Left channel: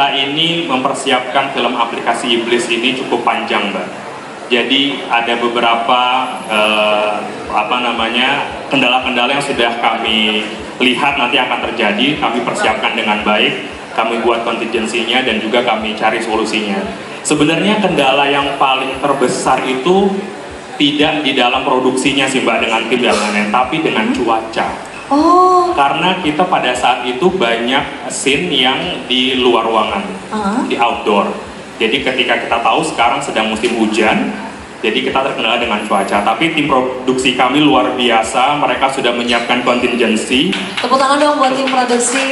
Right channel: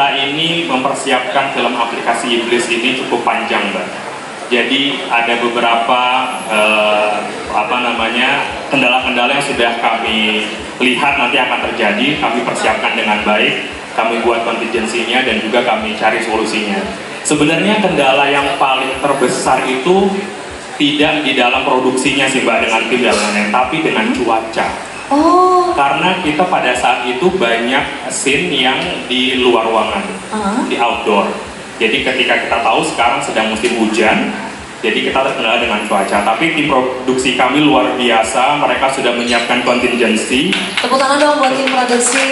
kita ini mempersiapkan film aplikasi iblis ini cukup panjang, Mbak. Jadi ada beberapa kendala-kendala yang sudah kami lihat nanti akan terjadi, kami persiapkan dengan baik, kami buat contingency-nya dan juga kami cari solusinya. Sebenarnya kendala yang paling terbesar itu tidak di dalam produksinya sih Mbak dengan tim dan lain-lain, tapi dengan cuaca. Oh. Karena kita pada saat itu banyak scene yang di luar ruangan, di outdoor. Jadi ketika kita tahu sekarang sedang musim hujan, jadi kita terkendala dengan cuaca. Tapi tim produksi kami luar biasa, mereka sudah menyiapkan contingency. Tepuk tangan dong buat tim produksi.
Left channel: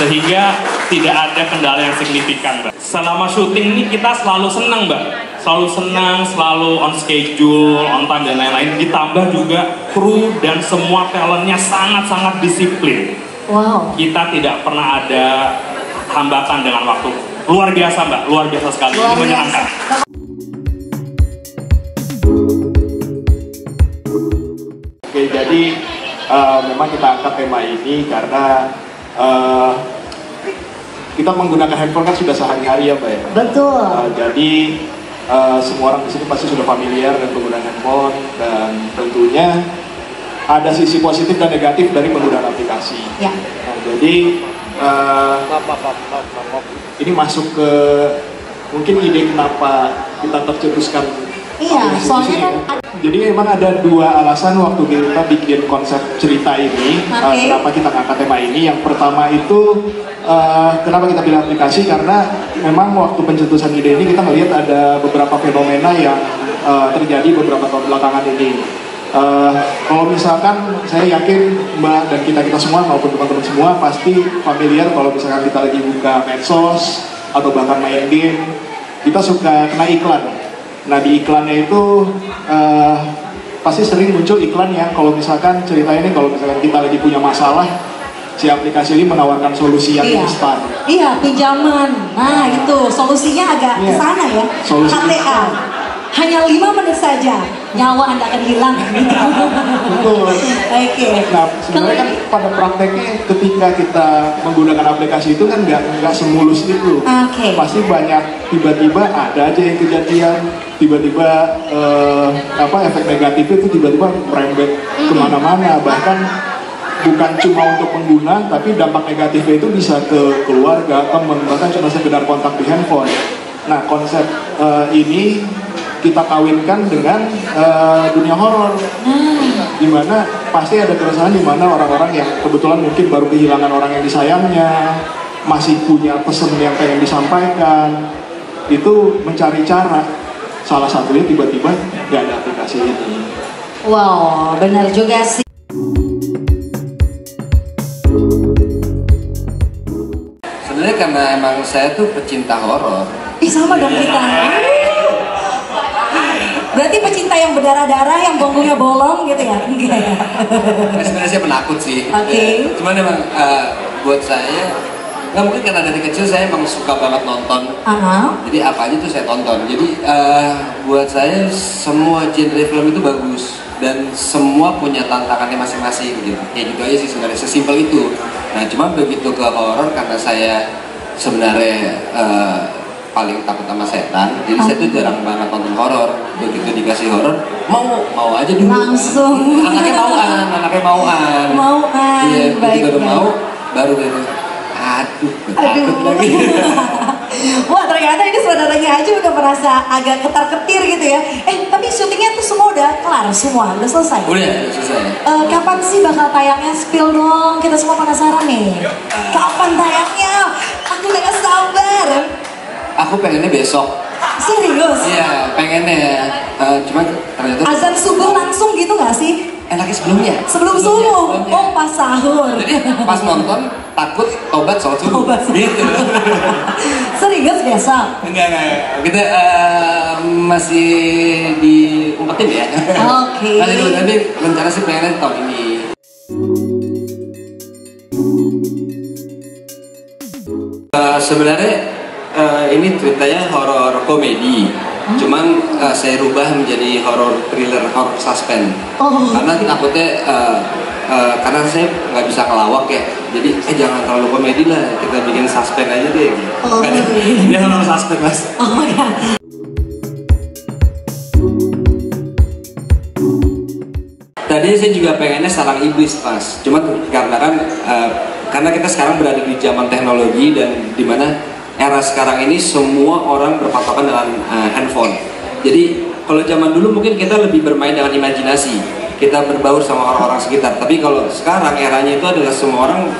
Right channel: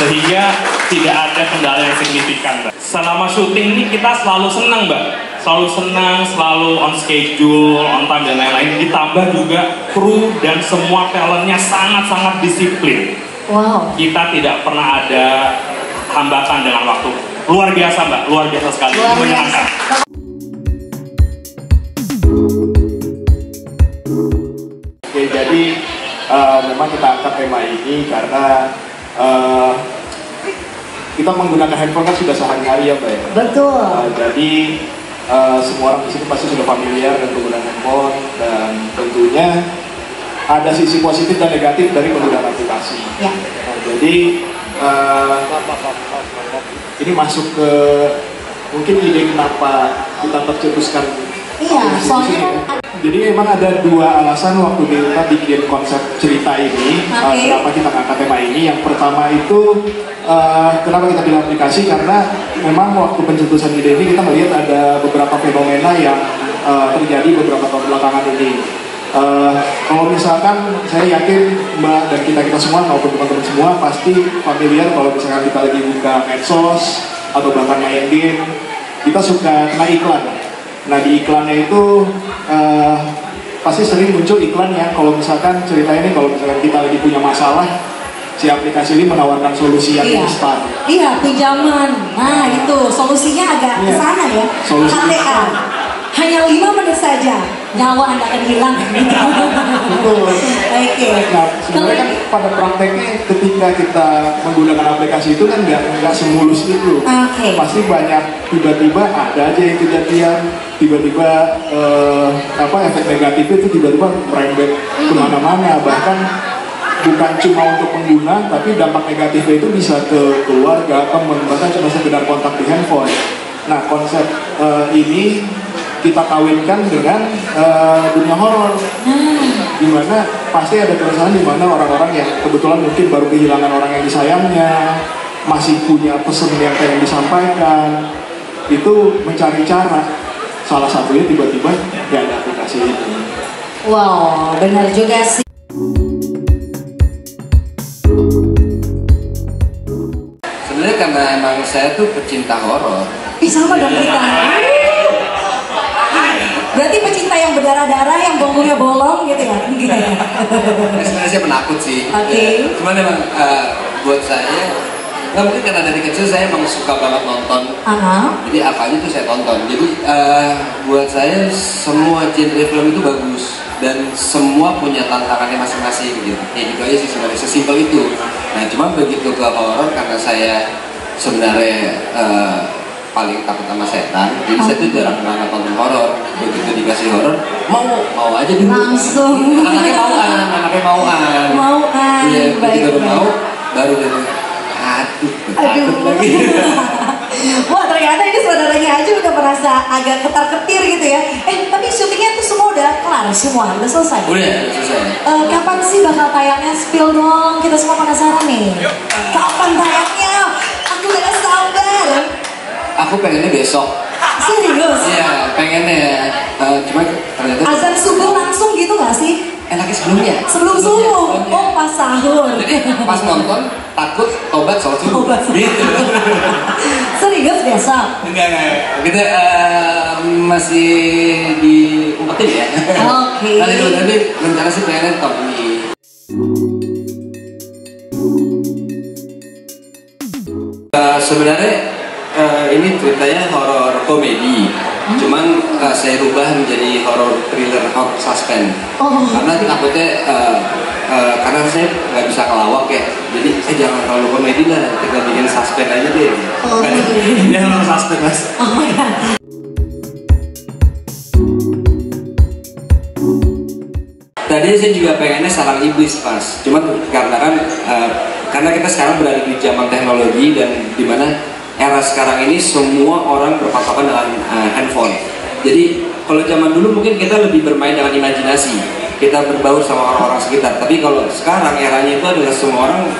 Sehingga tidak ada kendala yang signifikan, Mbak. Selama syuting ini kita selalu senang, Mbak. Selalu senang, selalu on schedule, on time dan lain-lain. Ditambah juga kru dan semua talentnya sangat-sangat disiplin. Wow. Kita tidak pernah ada hambatan dengan waktu. Luar biasa, Mbak. Luar biasa sekali. Luar biasa. Oke, jadi memang kita angkat tema ini karena kita menggunakan handphone kan sudah sehari-hari ya Mbak ya? Betul. Jadi semua orang di sini pasti sudah familiar dengan penggunaan handphone dan tentunya ada sisi positif dan negatif dari penggunaan aplikasi. Ya. Nah, jadi ini masuk ke mungkin ide kenapa kita tercetuskan. Iya, soalnya kan jadi memang ada dua alasan waktu kita bikin konsep cerita ini, kenapa kita ngangkat tema ini. Yang pertama itu kenapa kita pilih aplikasi, karena memang waktu pencetusan ide ini kita melihat ada beberapa fenomena yang terjadi beberapa tahun belakangan ini. Kalau misalkan saya yakin Mbak dan kita semua maupun teman-teman semua pasti familiar kalau misalkan kita lagi buka medsos atau bahkan main game, kita suka kena iklan. Nah di iklannya itu pasti sering muncul iklan yang kalau misalkan cerita ini kalau misalkan kita lagi punya masalah, si aplikasi ini menawarkan solusi yang instan. Iya, pinjaman. Nah itu solusinya agak kesana ya. KTA. Hanya 5 menit saja, nyawa Anda akan hilang. Betul. Oke. Nah, sebenarnya kan pada prakteknya ketika kita menggunakan aplikasi itu kan nggak semulus itu. Pasti banyak tiba-tiba ada aja yang kejadian, tiba-tiba efek negatif itu tiba-tiba merembet kemana-mana. Bahkan bukan cuma untuk pengguna, tapi dampak negatifnya itu bisa ke keluarga, teman, bahkan cuma sekedar kontak di handphone. Nah, konsep ini kita kawinkan dengan dunia horor, dimana pasti ada keresahan dimana orang-orang yang kebetulan mungkin baru kehilangan orang yang disayangnya, masih punya pesan yang pengen disampaikan, itu mencari cara. Salah satunya tiba-tiba nggak ada aplikasi ini. Wow, benar juga sih. Sebenarnya karena emang saya tuh pecinta horor. Sama dong kita. Berarti pecinta yang berdarah-darah, yang bonggolnya bolong gitu ya? Sebenarnya saya penakut sih. Cuman emang buat saya, nggak mungkin karena dari kecil saya emang suka banget nonton. Jadi apa aja tuh saya tonton. Jadi buat saya semua genre film itu bagus dan semua punya tantangannya masing-masing gitu. Ya juga aja sih sebenarnya sesimpel itu. Nah cuman begitu ke horor karena saya sebenarnya paling takut sama setan, jadi saya tuh jarang banget nonton horor. Begitu dikasih horor, mau aja dulu. Langsung. Anaknya mauan. Iya, begitu mau, baru gitu. Aduh. Lagi. Wah ternyata ini saudaranya aja udah merasa agak ketar-ketir gitu ya. Tapi syutingnya tuh semua udah kelar semua, udah selesai. Udah selesai. Kapan sih bakal tayangnya? Spill dong, kita semua penasaran nih. Kapan tayangnya? Aku gak sabar. Aku pengennya besok. Serius? Iya, pengennya. Cuman ternyata azan subuh langsung gitu gak sih? Enaknya sebelumnya. Sebelum subuh? Oh pas sahur. Jadi pas nonton takut tobat sholat subuh. Gitu. Serius besok? Enggak. Kita masih diumpetin ya. Oke. Nanti rencana sih pengennya tahun ini. Sebenarnya ini ceritanya horor komedi. Cuman saya rubah menjadi horror thriller, horror suspense. Karena takutnya karena saya nggak bisa ngelawak ya, jadi jangan terlalu komedi lah, kita bikin suspense aja deh. Ini horror suspense mas. Tadi saya juga pengennya sarang iblis mas, cuman karena kita sekarang berada di zaman teknologi dan dimana era sekarang ini semua orang berpatokan dengan handphone. Jadi kalau zaman dulu mungkin kita lebih bermain dengan imajinasi, kita berbaur sama orang-orang sekitar. Tapi kalau sekarang eranya itu adalah semua orang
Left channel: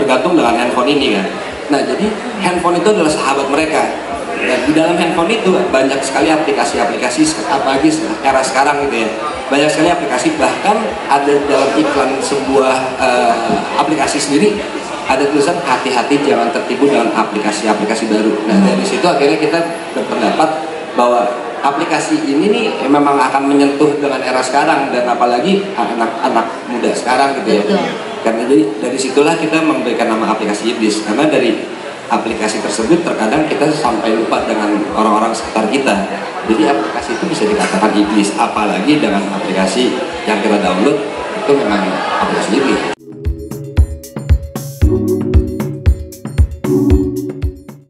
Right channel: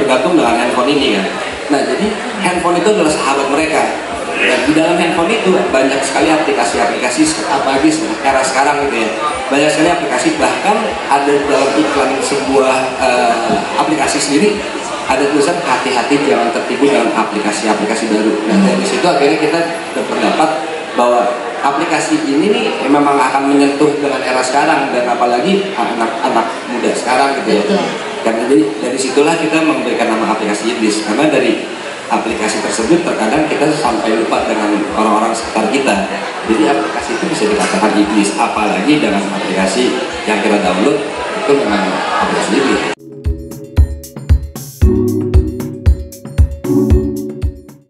bergantung dengan handphone ini kan. Nah jadi handphone itu adalah sahabat mereka. Dan di dalam handphone itu banyak sekali aplikasi-aplikasi, apalagi era sekarang gitu ya. Banyak sekali aplikasi, bahkan ada dalam iklan sebuah aplikasi sendiri ada tulisan hati-hati jangan tertipu dalam aplikasi-aplikasi baru. Nah dari situ akhirnya kita berpendapat bahwa aplikasi ini nih memang akan menyentuh dengan era sekarang dan apalagi anak-anak muda sekarang gitu ya. Karena dari situlah kita memberikan nama aplikasi iblis, karena dari aplikasi tersebut terkadang kita sampai lupa dengan orang-orang sekitar kita. Jadi aplikasi itu bisa dikatakan iblis, apalagi dengan aplikasi yang kita download itu memang aplikasi iblis.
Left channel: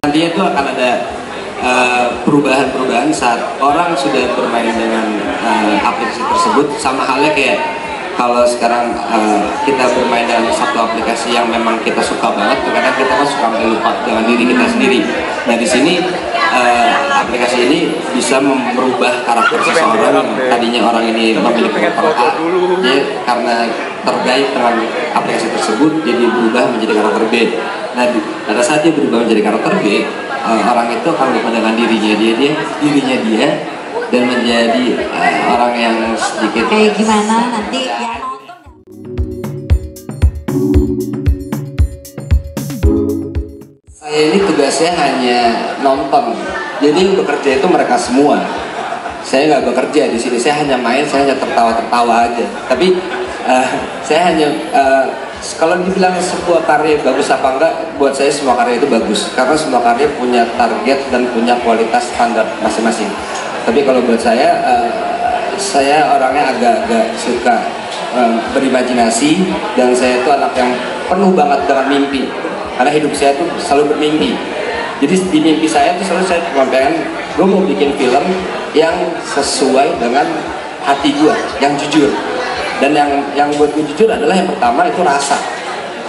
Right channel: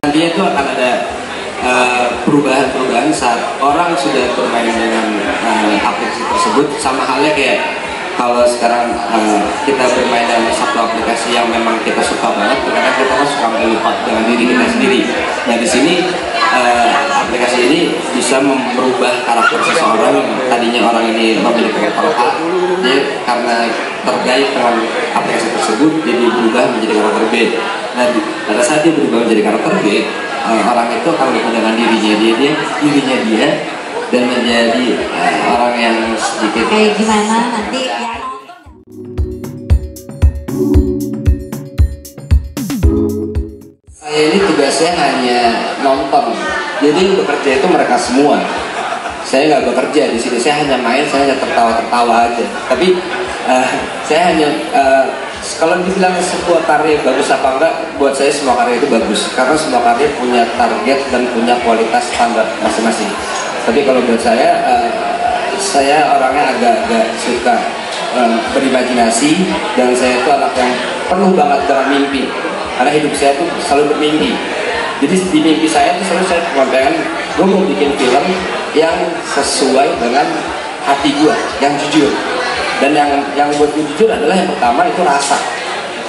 Nantinya itu akan ada perubahan-perubahan saat orang sudah bermain dengan aplikasi tersebut, sama halnya kayak kalau sekarang kita bermain dalam satu aplikasi yang memang kita suka banget, kadang kita kan suka lupa dengan diri kita sendiri. Nah di sini aplikasi ini bisa merubah karakter seseorang. Tadinya orang ini memiliki karakter A, dia karena terkait dengan aplikasi tersebut jadi berubah menjadi karakter B. Nah pada saat dia berubah menjadi karakter B, orang itu akan lupa dengan dirinya dia dan menjadi orang yang sedikit kayak gimana nanti ya nonton. Saya ini tugasnya hanya nonton, jadi yang bekerja itu mereka semua. Saya nggak bekerja di sini, saya hanya main, saya hanya tertawa aja. Tapi saya hanya kalau dibilang sebuah karya bagus apa enggak, buat saya semua karya itu bagus karena semua karya punya target dan punya kualitas standar masing-masing. Tapi kalau buat saya orangnya agak-agak suka berimajinasi, dan saya itu anak yang penuh banget dengan mimpi. Karena hidup saya tuh selalu bermimpi. Jadi di mimpi saya tuh selalu saya cuma pengen, gue mau bikin film yang sesuai dengan hati gue, yang jujur. Dan yang buat gue jujur adalah yang pertama itu rasa.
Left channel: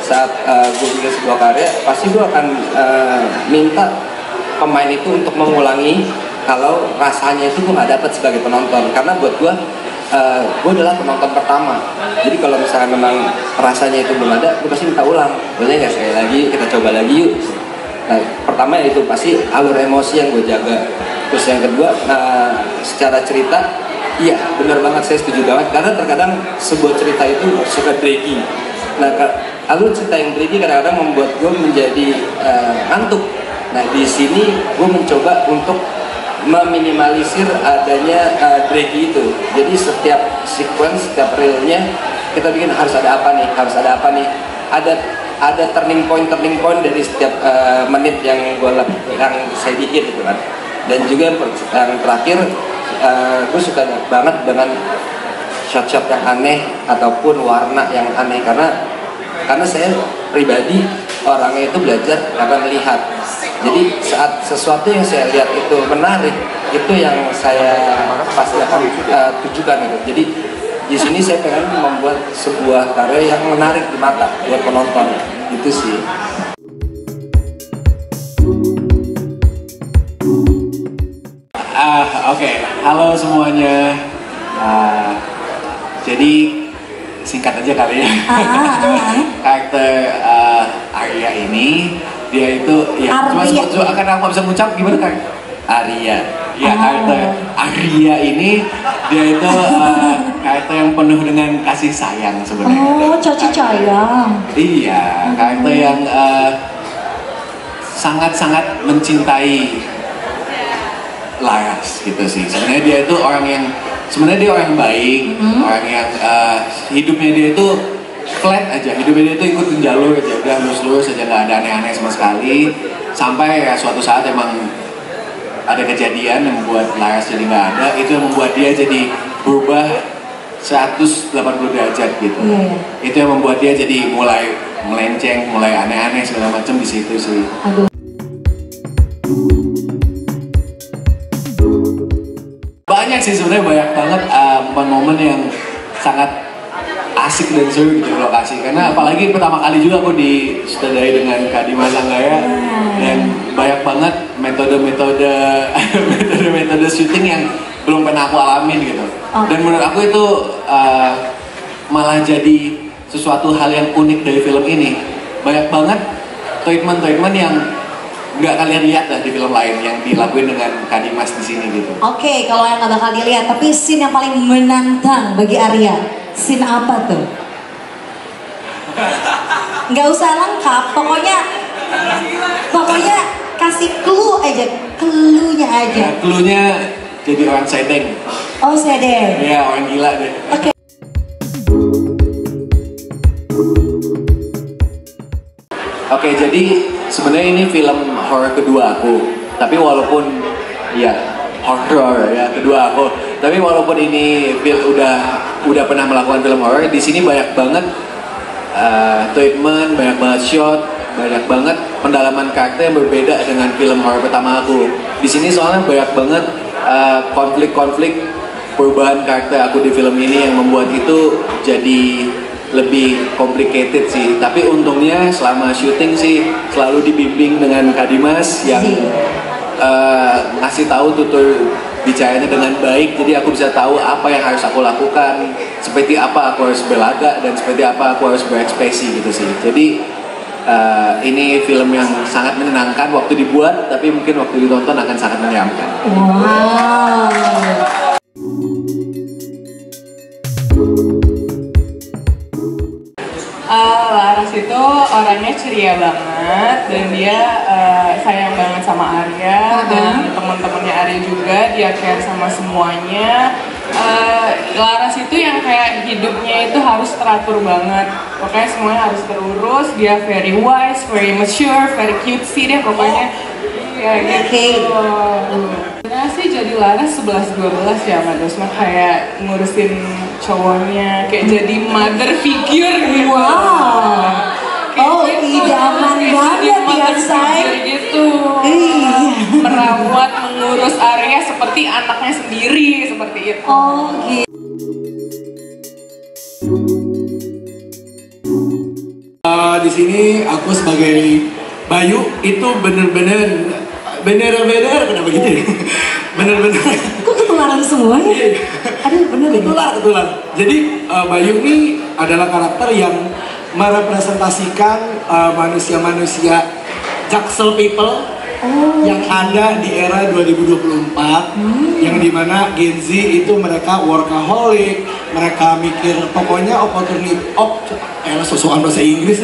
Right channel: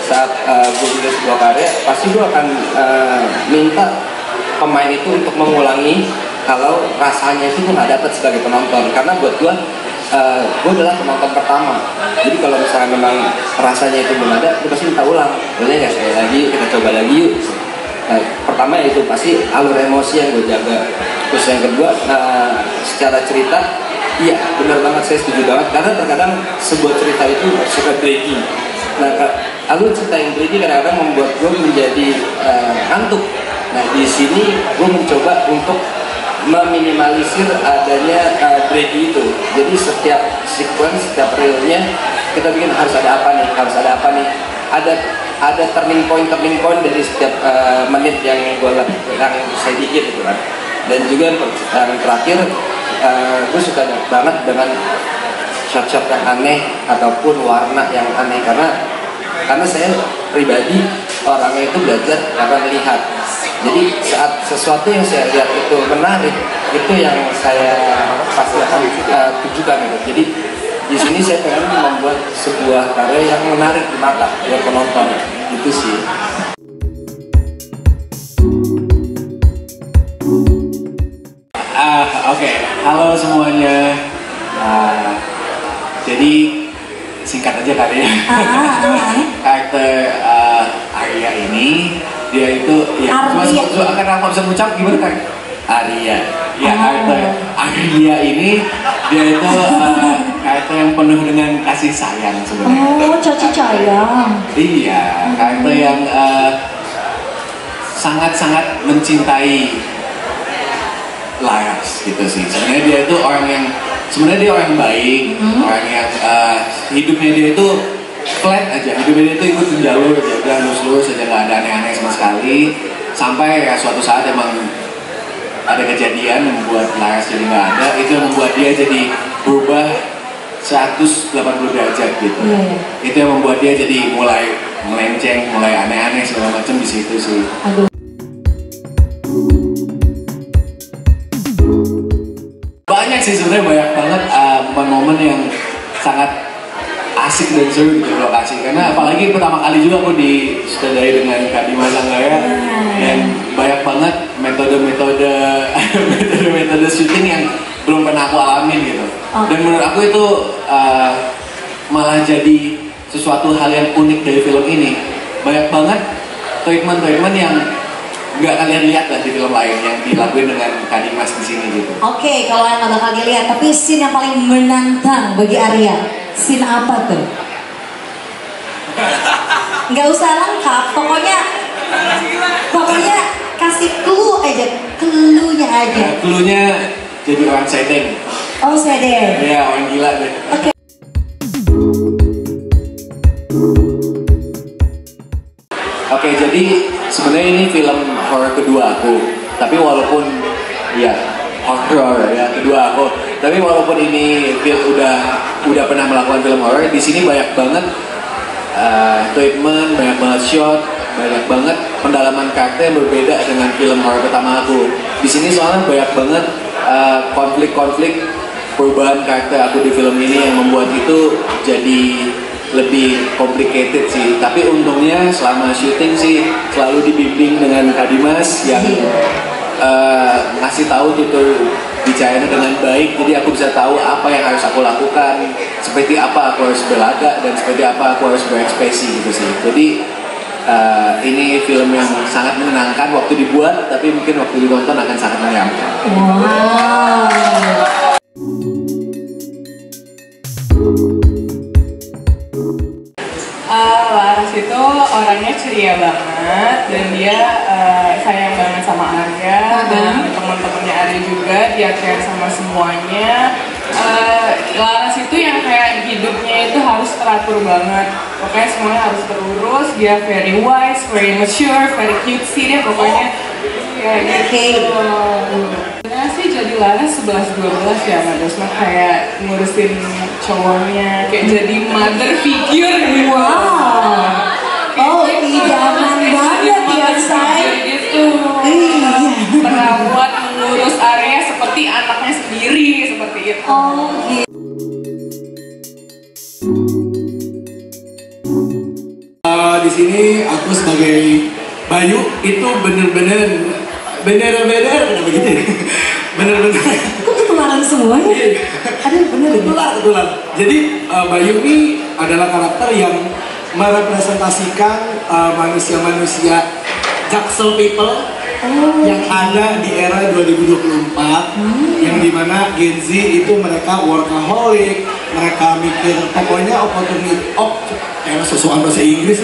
Saat gue bikin sebuah karya, pasti gue akan minta pemain itu untuk mengulangi kalau rasanya itu gue nggak dapat sebagai penonton. Karena buat gue adalah penonton pertama. Jadi kalau misalnya memang rasanya itu belum ada, gue pasti minta ulang. Boleh nggak sekali lagi, kita coba lagi yuk. Nah, pertama itu pasti alur emosi yang gue jaga. Terus yang kedua, secara cerita, iya benar banget, saya setuju banget. Karena terkadang sebuah cerita itu suka draggy. Nah, alur cerita yang draggy kadang-kadang membuat gue menjadi ngantuk. Nah, di sini gue mencoba untuk meminimalisir adanya draggy itu. Jadi setiap sequence, setiap realnya kita bikin harus ada apa nih, ada turning point dari setiap menit yang saya bikin gitu kan. Dan juga yang terakhir, gue suka banget dengan shot-shot yang aneh ataupun warna yang aneh, karena saya pribadi orangnya itu belajar karena melihat. Jadi saat sesuatu yang saya lihat itu menarik, itu yang saya pasti akan tunjukkan gitu. Jadi di sini saya pengen membuat sebuah karya yang menarik di mata buat penonton, gitu sih. Oke. Halo semuanya. Jadi singkat aja kali ya. Karakter Arya ini, dia itu ya akan aku bisa mengucap gimana kan? Arya. Ya karakter Arya ini dia itu karakter yang penuh dengan kasih sayang sebenarnya. Oh, kasih sayang. Iya, karakter yang sangat-sangat mencintai Laras gitu sih. Sebenarnya dia itu orang yang baik, orang yang hidupnya dia itu flat aja, hidupnya dia itu ikutin jalur aja, udah lurus aja, nggak ada aneh-aneh sama sekali. Sampai ya suatu saat emang ada kejadian yang membuat Laras jadi nggak ada, itu yang membuat dia jadi berubah 180 derajat gitu. Itu yang membuat dia jadi mulai melenceng, mulai aneh-aneh segala macam di situ sih. Banyak sih sebenarnya, banyak banget momen-momen yang sangat asik dan seru di lokasi, karena apalagi pertama kali juga aku disutradari dengan Kak Dimas Anggara, dan banyak banget metode syuting yang belum pernah aku alamin gitu. Dan menurut aku itu malah jadi sesuatu hal yang unik dari film ini. Banyak banget treatment yang nggak kalian lihat lah di film lain yang dilakuin dengan Kak Dimas di sini gitu. Oke, kalau yang nggak bakal dilihat, tapi scene yang paling menantang bagi Arya, scene apa tuh? Nggak usah lengkap, pokoknya kasih clue aja, clue-nya aja. Ya, clue-nya jadi orang setting. Oh, sedih. Iya, orang gila deh. Oke. Oke, jadi sebenarnya ini film horor kedua aku. Tapi walaupun ya horor ya kedua aku. Tapi walaupun ini film udah pernah melakukan film horor, di sini banyak banget treatment, banyak banget shot, banyak banget pendalaman karakter yang berbeda dengan film horor pertama aku. Di sini soalnya banyak banget konflik-konflik perubahan karakter aku di film ini yang membuat itu jadi lebih complicated sih. Tapi untungnya selama syuting sih selalu dibimbing dengan Kak Dimas yang ngasih tahu tutur bicaranya dengan baik, jadi aku bisa tahu apa yang harus aku lakukan, seperti apa aku harus berlagak dan seperti apa aku harus berekspresi gitu sih. Jadi ini film yang sangat menyenangkan waktu dibuat, tapi mungkin waktu ditonton akan sangat menyeramkan. Wow. Laras itu orangnya ceria banget dan dia sayang banget sama Arya dan teman-temannya Arya juga, dia care sama semuanya. Laras itu yang kayak hidupnya itu harus teratur banget, pokoknya semuanya harus terurus. Dia very wise, very mature, very cutesy deh pokoknya. Ya gitu. Nah sih jadi Laras 11-12 ya Mbak Dosma, kayak ngurusin cowoknya, kayak jadi mother figure gitu. Wow. Oh, idaman banget ya saya gitu. Merawat, mengurus Arya seperti anaknya sendiri, seperti itu. Oh gitu. Di sini aku sebagai Bayu itu bener-bener kenapa gitu ya? Bener-bener. Kok ketularan semua ya? Aduh bener ini. Kebetulan. Jadi Bayu ini adalah karakter yang merepresentasikan manusia-manusia Jaksel people yang ada di era 2024, yang dimana Gen Z itu mereka workaholic, mereka mikir pokoknya sesuatu bahasa Inggris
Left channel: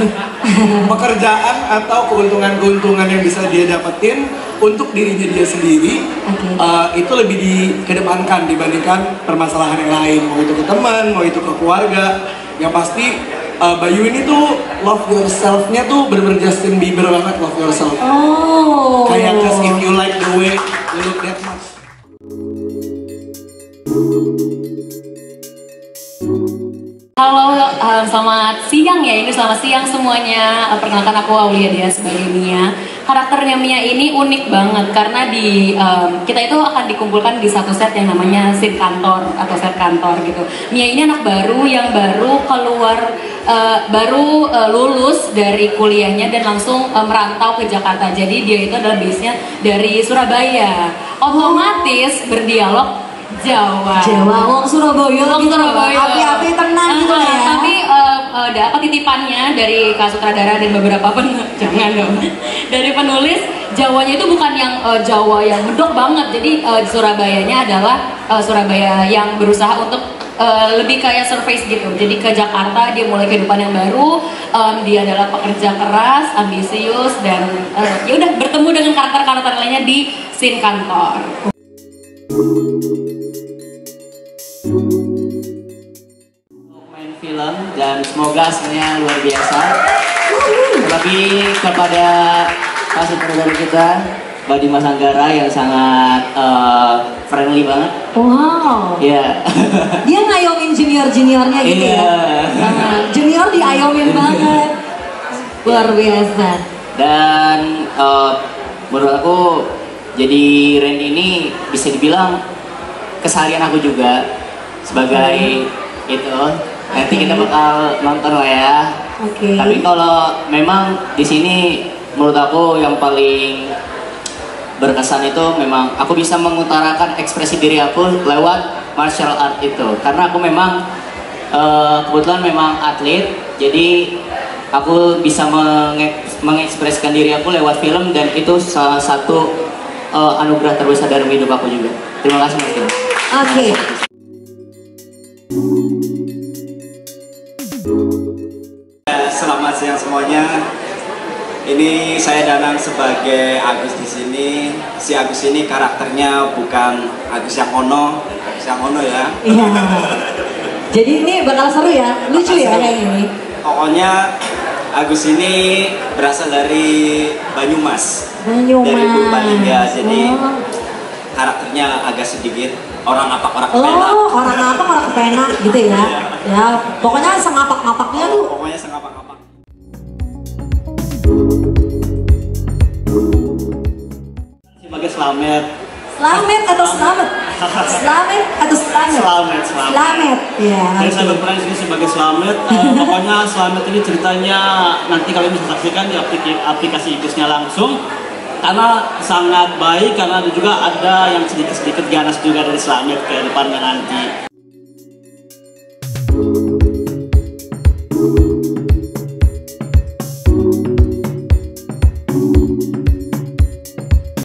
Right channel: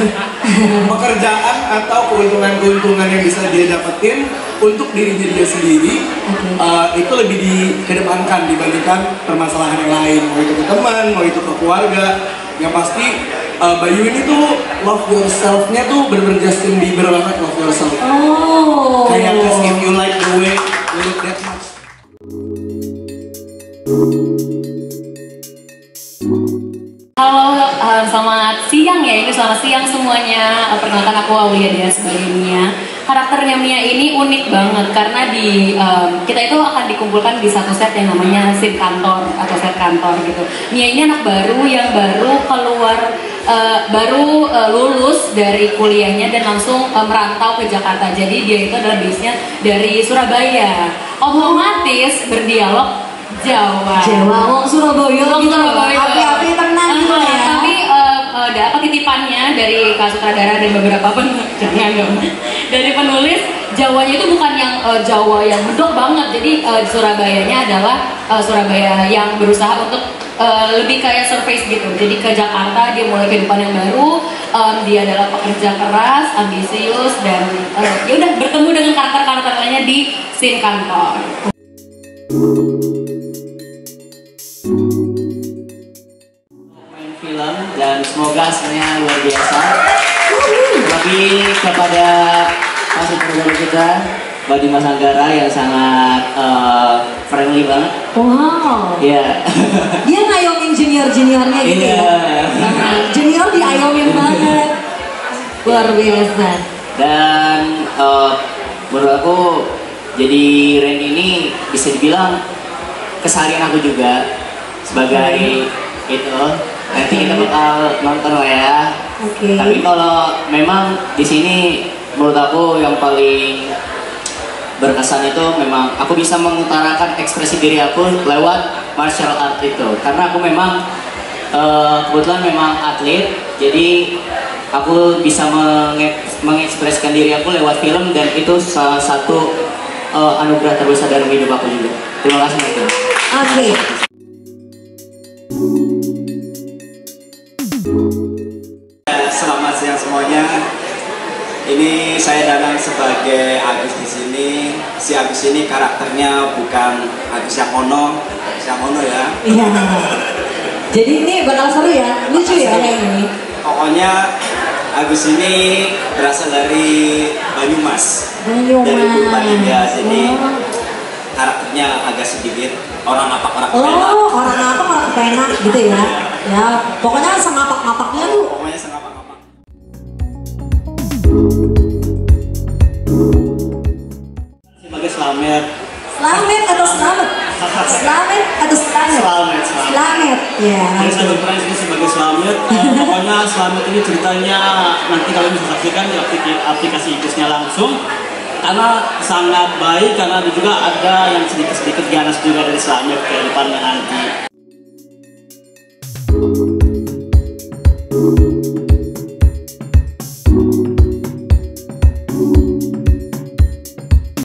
pekerjaan atau keuntungan-keuntungan yang bisa dia dapetin untuk dirinya dia sendiri, itu lebih dikedepankan dibandingkan permasalahan yang lain, mau itu ke teman, mau itu ke keluarga. Yang pasti Bayu ini tuh love yourself-nya tuh bener-bener Justin Bieber banget, love yourself. Oh. Kayak if you like the way you look that much. Halo, selamat siang ya. Ini selamat siang semuanya. Perkenalkan aku Aulia Dia sebagai Mia. Karakternya Mia ini unik banget karena kita itu akan dikumpulkan di satu set yang namanya scene kantor atau set kantor gitu. Mia ini anak baru yang baru keluar, lulus dari kuliahnya dan langsung merantau ke Jakarta. Jadi dia itu adalah base-nya dari Surabaya. Otomatis berdialog Jawa, Surabaya gitu. Api-api tenang gitu ya. Tapi dapat titipannya dari Kak Sutradara dan beberapa jangan dong. Dari penulis, Jawanya itu bukan yang Jawa yang medok banget. Jadi Surabayanya adalah Surabaya yang berusaha untuk lebih kayak surface gitu. Jadi ke Jakarta dia mulai kehidupan yang baru. Dia adalah pekerja keras, ambisius dan ya udah bertemu dengan karakter-karakter lainnya di scene kantor. Main film dan semoga hasilnya luar biasa. Terlebih kepada Pak Sutradara kita Badi Mas Anggara yang sangat friendly banget. Wow. Iya. Dia ngayomin junior-juniornya gitu ya. Junior diayomin banget. Luar biasa. Dan menurut aku jadi Randy ini bisa dibilang keseharian aku juga sebagai itu. Nanti kita bakal nonton lah ya. Tapi kalau memang di sini menurut aku yang paling berkesan itu memang aku bisa mengutarakan ekspresi diri aku lewat martial art itu. Karena aku memang kebetulan memang atlet, jadi aku bisa mengekspresikan diri aku lewat film dan itu salah satu anugerah terbesar dalam hidup aku juga. Terima kasih Mas. Oke. Selamat siang semuanya. Ini saya Danang sebagai Agus di sini. Si Agus ini karakternya bukan Agus yang ono ya. Iya. Jadi ini bakal seru ya, lucu ya kayak ini. Pokoknya Agus ini berasal dari Banyumas. Dari Bali ya. Jadi karakternya agak sedikit orang ngapak-ngapak kepenak. Oh, orang ngapak kepenak gitu ya. Ya, pokoknya sengapak-ngapaknya tuh. Pokoknya sengapak-ngapak. Sebagai Slamet. Slamet atau selamat? Slamet atau selamet? Slamet, ya. Saya sangat berperan di sini sebagai Slamet. Pokoknya Slamet ini ceritanya nanti kalian bisa saksikan di aplikasi Ikusnya langsung. Karena sangat baik, karena juga ada yang sedikit ganas juga dari Slamet ke depannya nanti.